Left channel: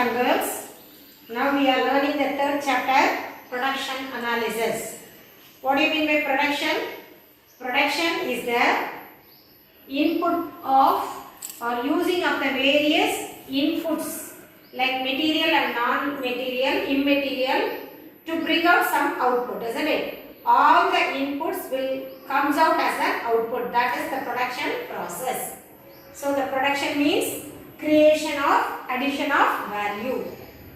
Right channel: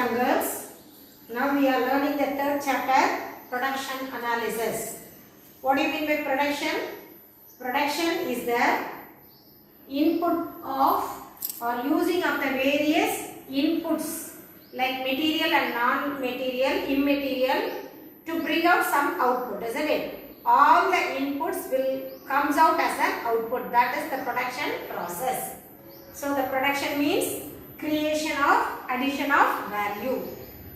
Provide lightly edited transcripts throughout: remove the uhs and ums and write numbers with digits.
and girls. Now we are learning the third chapter, production analysis. What do you mean by production? Production is the input of or using of the various inputs like material and non-material, immaterial to bring out some output, isn't it? All the inputs will comes out as an output. That is the production process. So the production means creation of addition of value.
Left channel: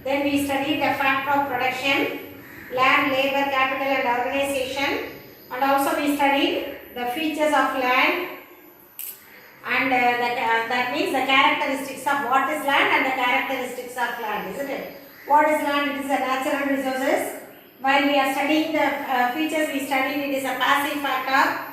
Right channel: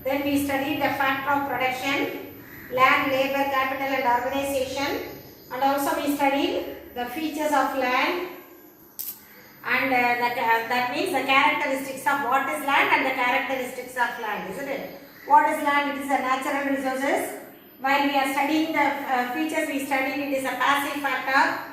Then we studied the factor of production, land, labor, capital and organization, and also we studied the features of land and that means the characteristics of what is land and the characteristics of land, isn't it? What is land? It is a natural resources. While we are studying the features, we studied it is a passive factor.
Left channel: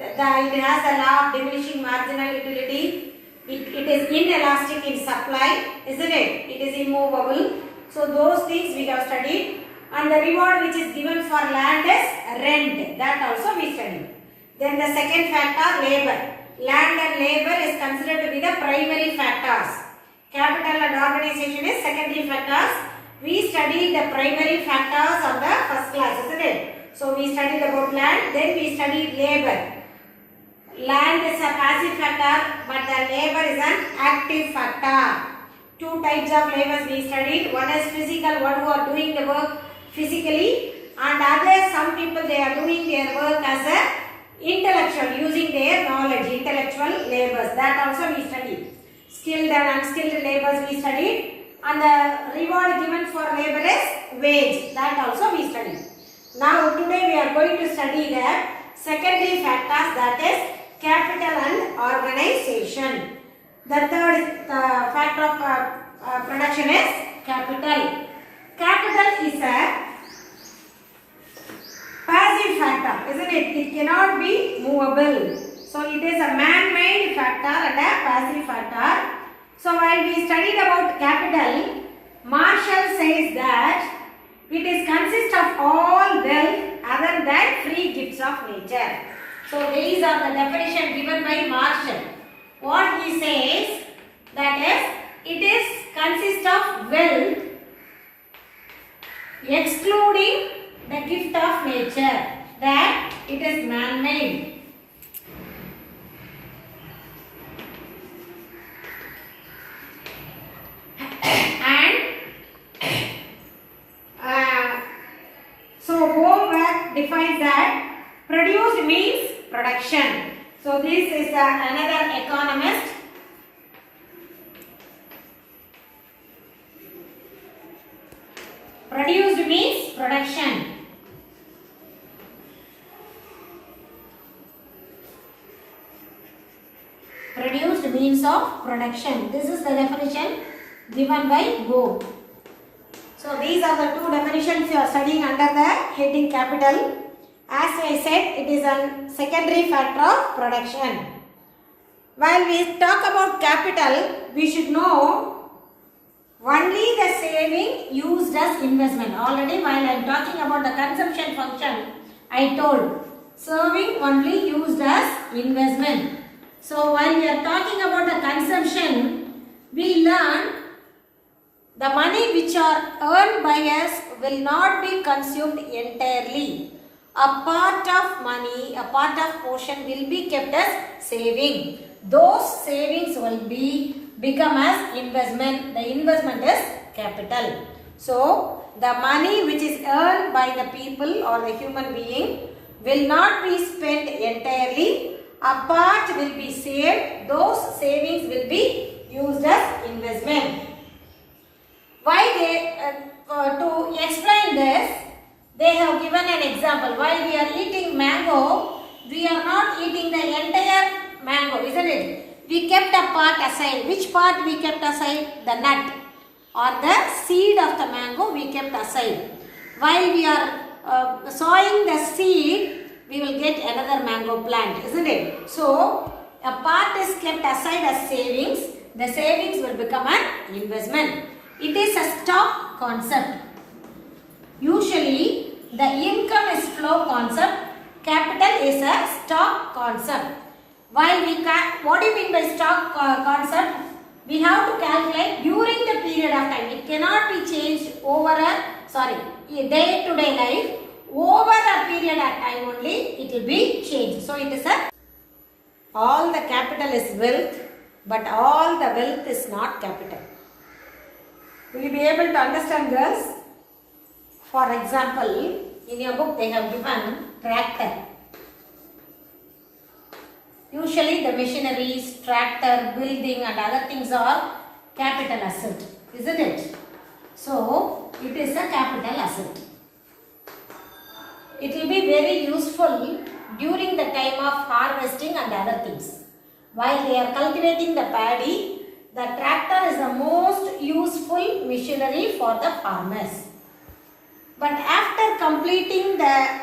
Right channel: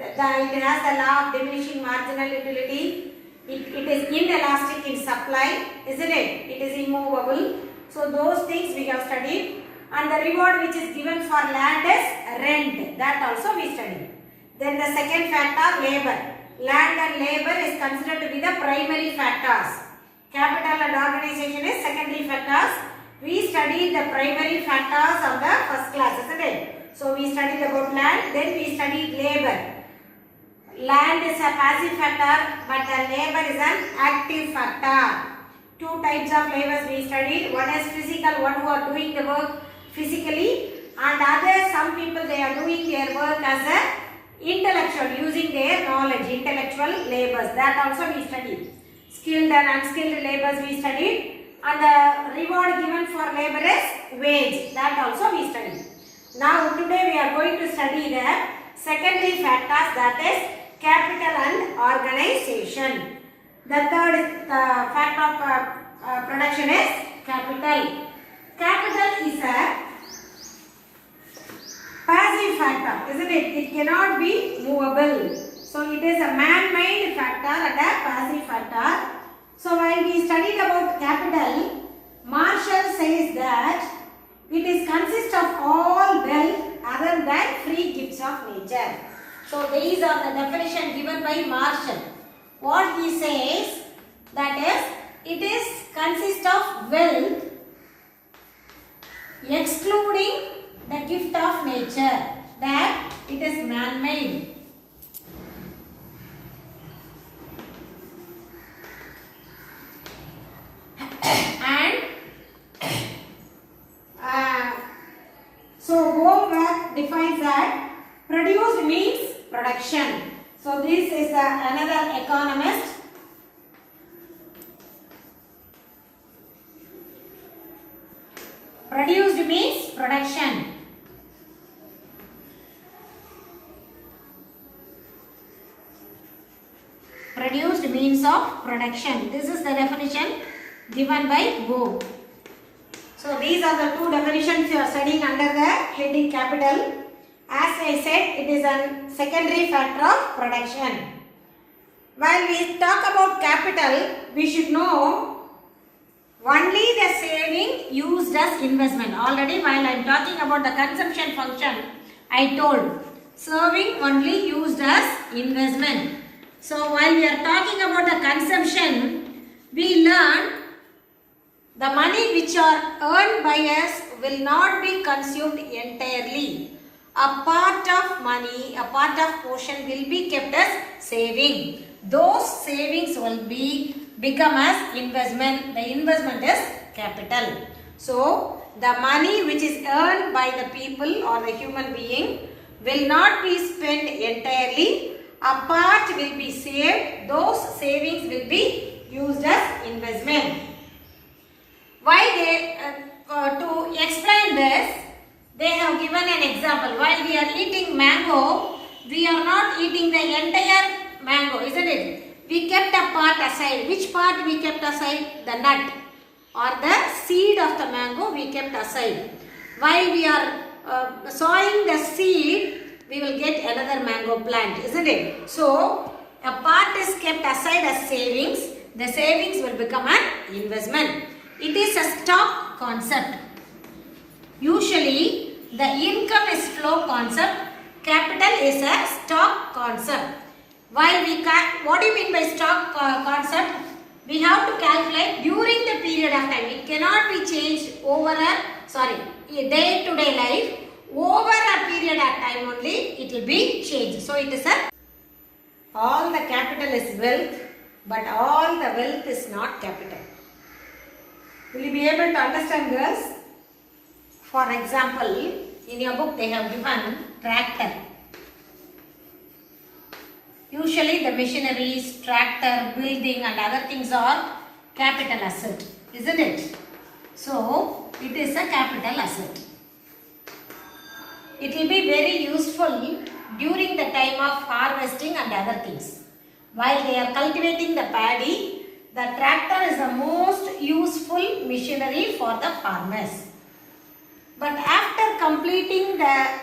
It has the law of diminishing marginal utility. It is inelastic in supply, isn't it? It is immovable. So those things we have studied. And the reward which is given for land is rent. That also we studied. Then the second factor, labor. Land and labor is considered to be the primary factors. Capital and organization is secondary factors. We studied the primary factors of the first class, isn't it? So we studied about land, then we studied labor. Land is a passive factor, but the labor is an active factor. Two types of labors we studied. One is physical, one who are doing the work physically, and others, some people they are doing their work as a intellectual, using their knowledge, intellectual labors. That also we studied. Skilled and unskilled labors we studied. And the reward given for labor is wage. That also we studied. Now today we are going to study the secondary factors, that is capital and organization. The third factor of production is capital. Capital is a passive factor, isn't it? It cannot be movable. So it is a man-made factor and a passive factor. So while we studied about capital, Marshall says that it is consists of all wealth other than free gifts of nature. So these are the definition given by Marshall. What he says, that is, it is consists of wealth excluding the gift of nature, that it is man-made. So Goldberg defines that produced means production. So this is another economist. Produced means production. Produced means of production. This is the definition given by Go. So these are the two definitions you are studying under the heading capital. As I said, it is a secondary factor of production. While we talk about capital, we should know only the saving used as investment. Already while I am talking about the consumption function, I told serving only used as investment. So while we are talking about the consumption, we learn the money which are earned by us will not be consumed entirely. A part of money, a part of portion will be kept as saving. Those savings will become as investment. The investment is capital. So the money which is earned by the people or the human being will not be spent entirely. A part will be saved. Those savings will be used as investment. Why to explain this, they have given an example. While we are eating mango, we are not eating the entire mango, isn't it? We kept a part aside. Which part we kept aside? The nut or the seed of the mango we kept aside. While we are sowing the seed, we will get another mango plant, isn't it? So a part is kept aside as savings. The savings will become an investment. It is a stock concept. Usually the income is flow concept. Capital is a stock concept. While what do you mean by stock concept? We have to calculate during the period of time. It cannot be changed over a day-to-day life. Over a period of time only it will be changed. So it is all the capital is wealth, but all the wealth is not capital. Will you be able to understand this? For example, in your book they have given tractor. Usually the machineries, tractor, building and other things are capital asset, isn't it? So it is a capital asset. It will be very useful during the time of harvesting and other things. While they are cultivating the paddy, the tractor is the most useful machinery for the farmers. But after completing the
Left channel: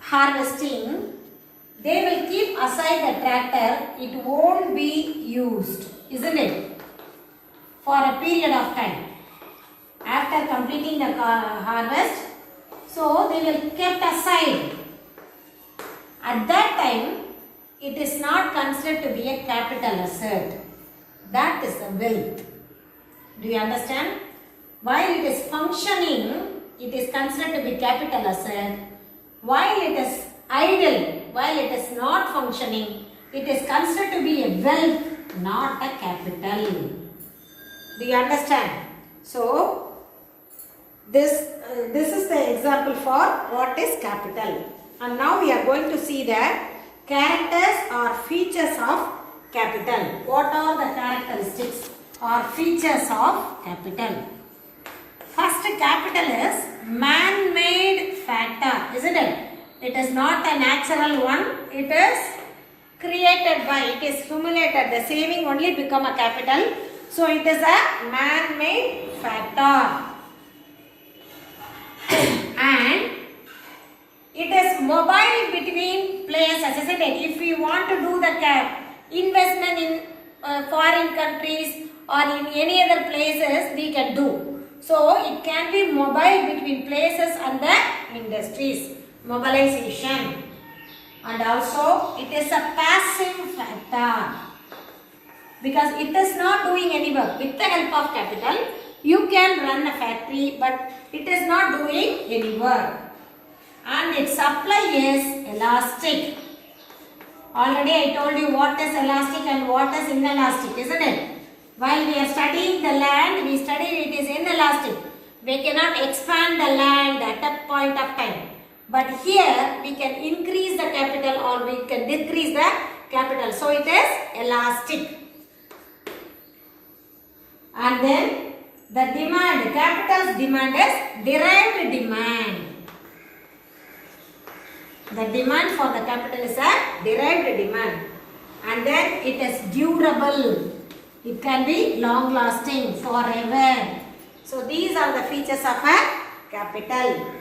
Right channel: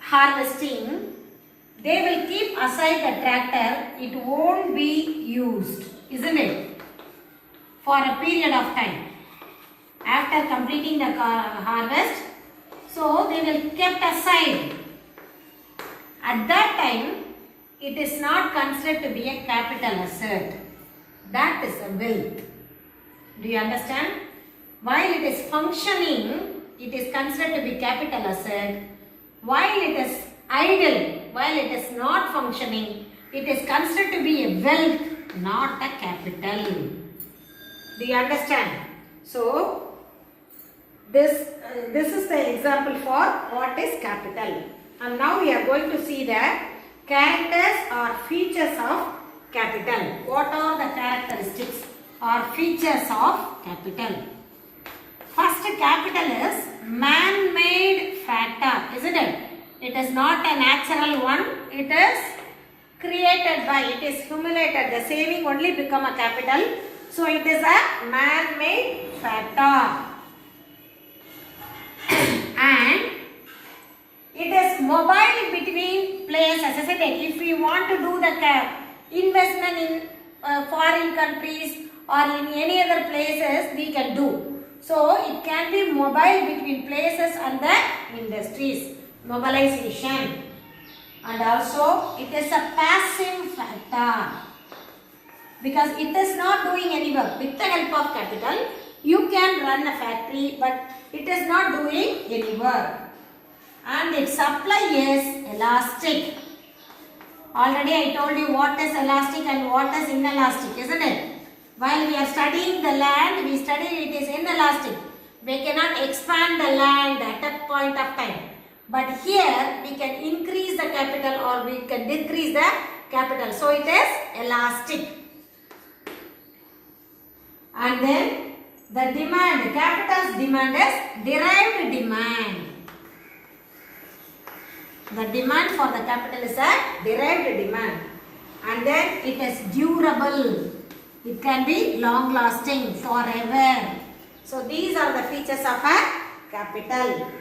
harvesting, they will keep aside the tractor. It won't be used, isn't it? For a period of time. After completing the harvest, so they will kept aside. At that time, it is not considered to be a capital asset. That is a wealth. Do you understand? While it is functioning, it is considered to be capital asset. While it is idle, while it is not functioning, it is considered to be a wealth, not a capital. Do you understand? So, this is the example for what is capital. And now we are going to see the characters or features of capital. What are the characteristics or features of capital? First, capital is man-made factor, isn't it? It is not a natural one. It is created by, it is accumulated. The saving only become a capital. So it is a man-made factor. And it is mobile between places, isn't it? If we want to do the investment in foreign countries or in any other places, we can do. So it can be mobile between places and the industries. Mobilization. And also it is a passive factor. Because it is not doing any work. With the help of capital, you can run a factory, but it is not doing any work. And its supply is elastic. Already I told you what is elastic and what is inelastic, isn't it? While we are studying the land, we study it is inelastic. We cannot expand the land at that point of time. But here we can increase the capital or we can decrease the capital. So it is elastic. And then the demand, capital's demand is derived demand. The demand for the capital is a derived demand. And then it is durable. It can be long lasting forever. So these are the features of a capital.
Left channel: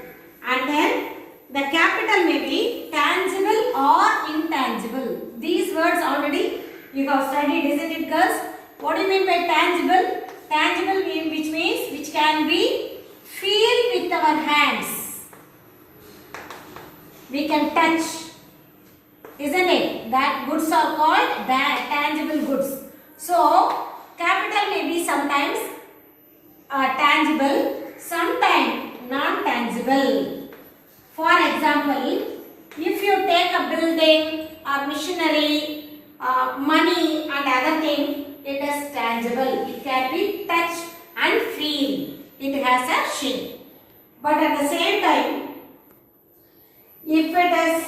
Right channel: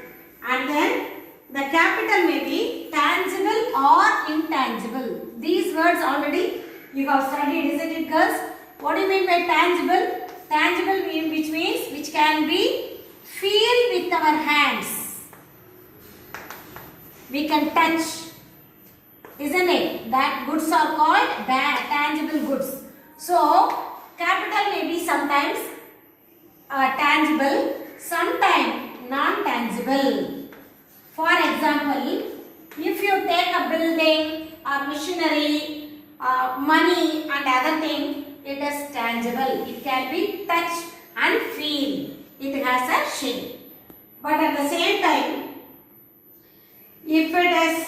And then the capital may be tangible or intangible. These words already you have studied, isn't it, girls? What do you mean by tangible? Tangible means which can be feel with our hands. We can touch, isn't it? That goods are called tangible goods. So, capital may be sometimes tangible, sometimes non-tangible. For example, if you take a building, a machinery, money and other things, it is tangible. It can be touched and feel. It has a shape. But at the same time, if it is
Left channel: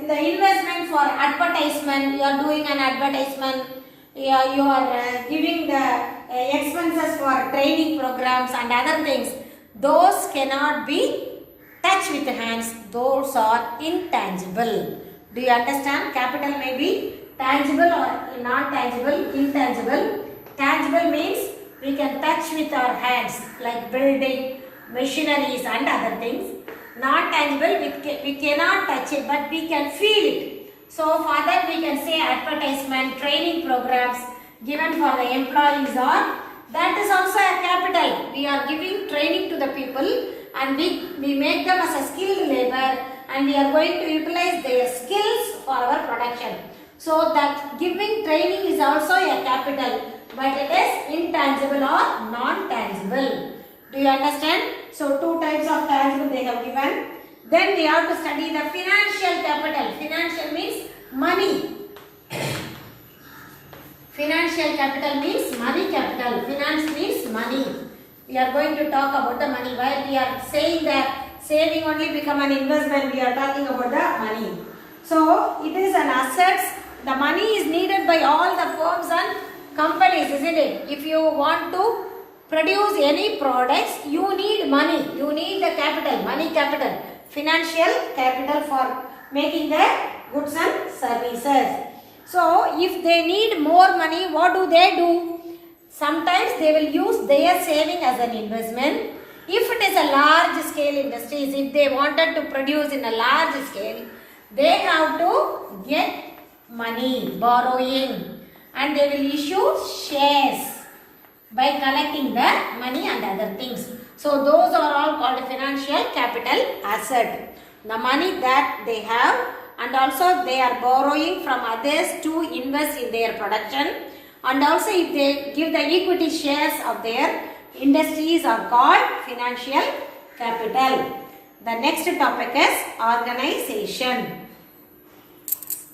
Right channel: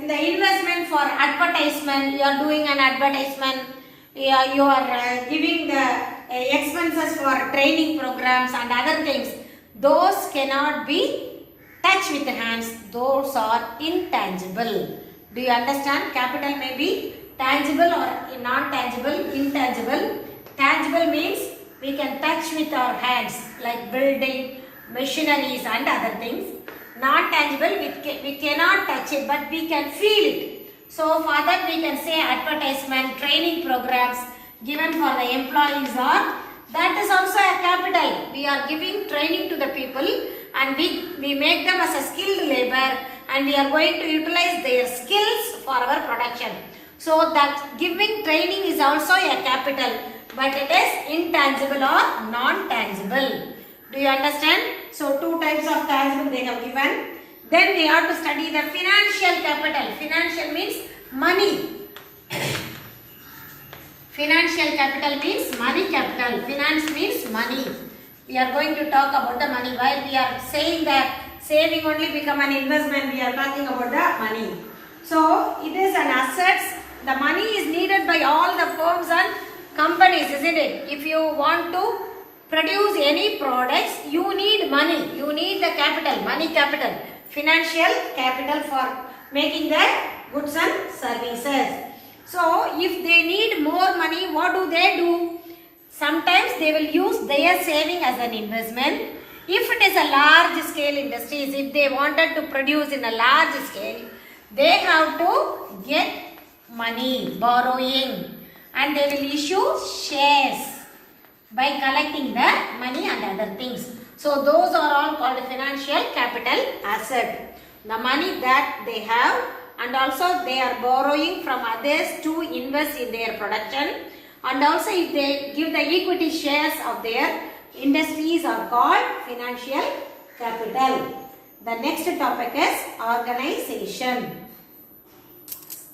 in the investment for advertisement, you are doing an advertisement, you are giving the expenses for training programs and other things, those cannot be touched with the hands. Those are intangible. Do you understand? Capital may be tangible or non-tangible, intangible. Tangible means we can touch with our hands like building, machineries and other things. Not tangible, we cannot touch it but we can feel it. So for that we can say advertisement, training programs given for the employees or that is also a capital. We are giving training to the people and we make them as a skilled labor and we are going to utilize their skills for our production. So that giving training is also a capital. but it is intangible or non-tangible. Do you understand? So two types of tangible they have given. Then we have to study the financial capital. Financial means money. Financial capital means money capital. Finance means money. We are going to talk about the money. Why we are saying that saving only become an investment? We are talking about the money. So it is an asset. The money is needed by all the firms and companies, isn't it? If you want to produce any products, you need money. You need the capital, money capital, financial capital for making the goods and services. So if they need more money, what do? Sometimes they will use their saving as an investment. If it is a large scale industries, if they wanted to produce in a large scale, they have to get money, borrowing, and they will issue shares by collecting the money and other things. So those are all called financial capital asset. The money that they have, and also they are borrowing from others to invest in their production, and also if they give the equity shares of their industries are called financial capital. The next topic is organization.